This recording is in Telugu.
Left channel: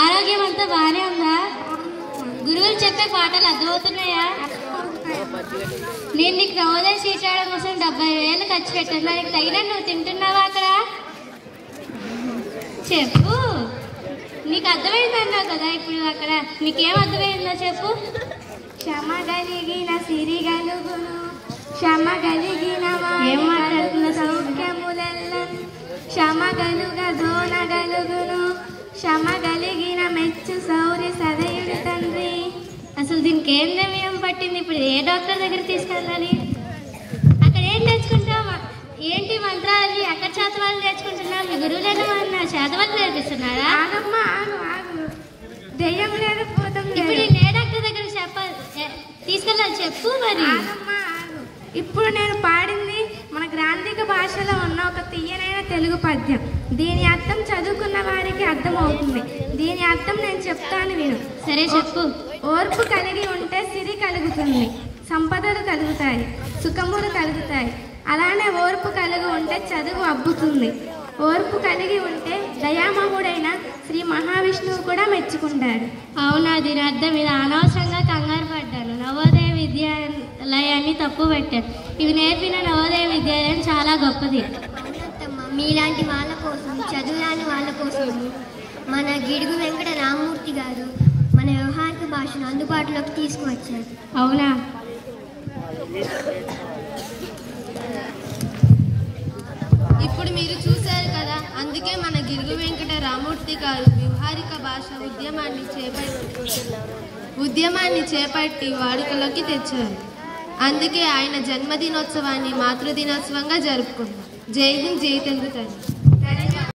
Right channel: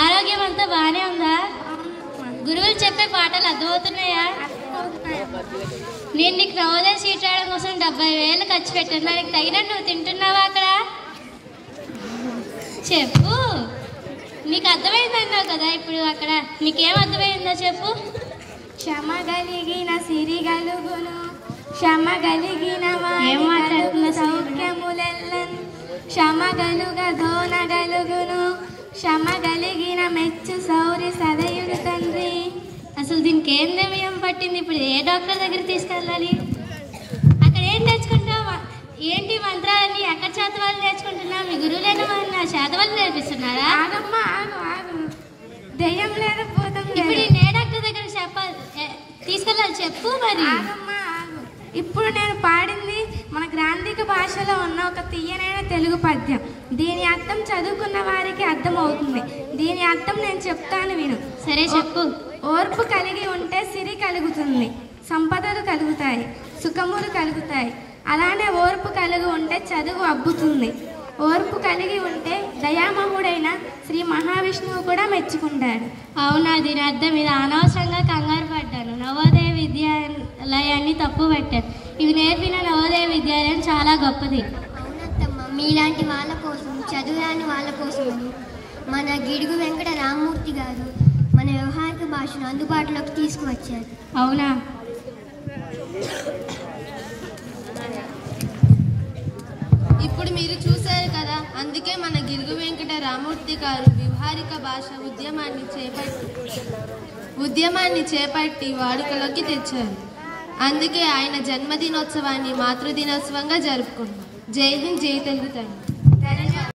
ఆరోగ్యం అంతా బానే ఉందా? గురువులు చెప్పే పాటలు అర్థమవుతున్నాయా? నేను నీకు నవోదయ సీట్ రావడం కోసం 70,000 ఖర్చు పెట్టాను. దానికి తగినట్టు నువ్వు తింటున్నావా అక్కడ? చెప్పు. నీకు అర్థమైంది అన్నావు కదా ఇప్పుడు. అక్కడ నీకేం అర్థమైందో చెప్పు. క్షమ కలిగిన సిరి గలుగును, క్షమ కలిగిన సౌఖ్యములెల్లను, క్షమ గలుగ దోన గలుగును, క్షమ కలిగిన మెచ్చు సౌరి సదయుడు తండ్రి. అసలు దీనికి ఏం నిర్ణయం పట్టింది? ఇప్పుడు ఏ డాక్టర్ దగ్గర తీసుకెళ్ళాలి? అక్కడ ఏం నేర్చుకుంటావు? ఏంటి మంత్రాలని అక్కడ చేతవాళ్ళు నేర్చుకుంటున్నావు? మీ గురువులేని నా చేతవాళ్ళు నేర్పిస్తున్నారా? దెయ్యం లేకపోతాం. ఇప్పుడు ఏ డాక్టర్ దగ్గర చెప్పాలి తీసుకెళ్ళాలి చెప్పు మరి. ఇప్పుడు నేను పాడింది మన గ్రాంధిక భాషలో ఉన్న ఒక తీయనైన తెలుగు పద్యం. దీని అర్థం చదువుకున్న వారికి అర్థం అవుతుంది. దీని అర్థం నేను చెప్తాను విను. సరే చెప్పు. ఓర్పు కలిగి ఉంటే సిరి కలుగుతుంది, సంపదలు కలుగుతాయి, సుఖములు కలుగుతాయి. అలానే ఓర్పు కలిగి ఉంటే చదువు అబ్బుతుంది. ఓర్పు కలిగి ఉంటే దయామహుడైన శ్రీ మహావిష్ణువు కూడా మెచ్చుకుంటాడు. అవునా? దీని అర్థం ఇది. అనవసరంగా కంగారు పడ్డాను. నవోదయ విద్యాలయాన్ని తప్పు పెట్టాను. ఇవి నేర్పిన నవోదయ విద్యాలయం చాలా గొప్పది. మీలాంటి వాళ్ళ కోసం, చదువురాని వాళ్ళ కోసం మన గిడుగు వెంకట రామమూర్తి గారు మన వ్యవహారిక భాషను అందుబాటులోకి తీసుకువచ్చారు. అవునా? ఇప్పుడు మీరు చూశారు కదా, అందుకే మన గిడుగు వెంకట రామమూర్తి గారు వ్యవహారిక భాష ఉద్యమాన్ని చేపట్టి వాడుకలోకి తెచ్చారు. అందుకే ఆయన జన్మదినోత్సవాన్ని మాతృదినోత్సవంగా జరుపుకున్నాం. జై హింద్, జై తెలుగు తల్లి.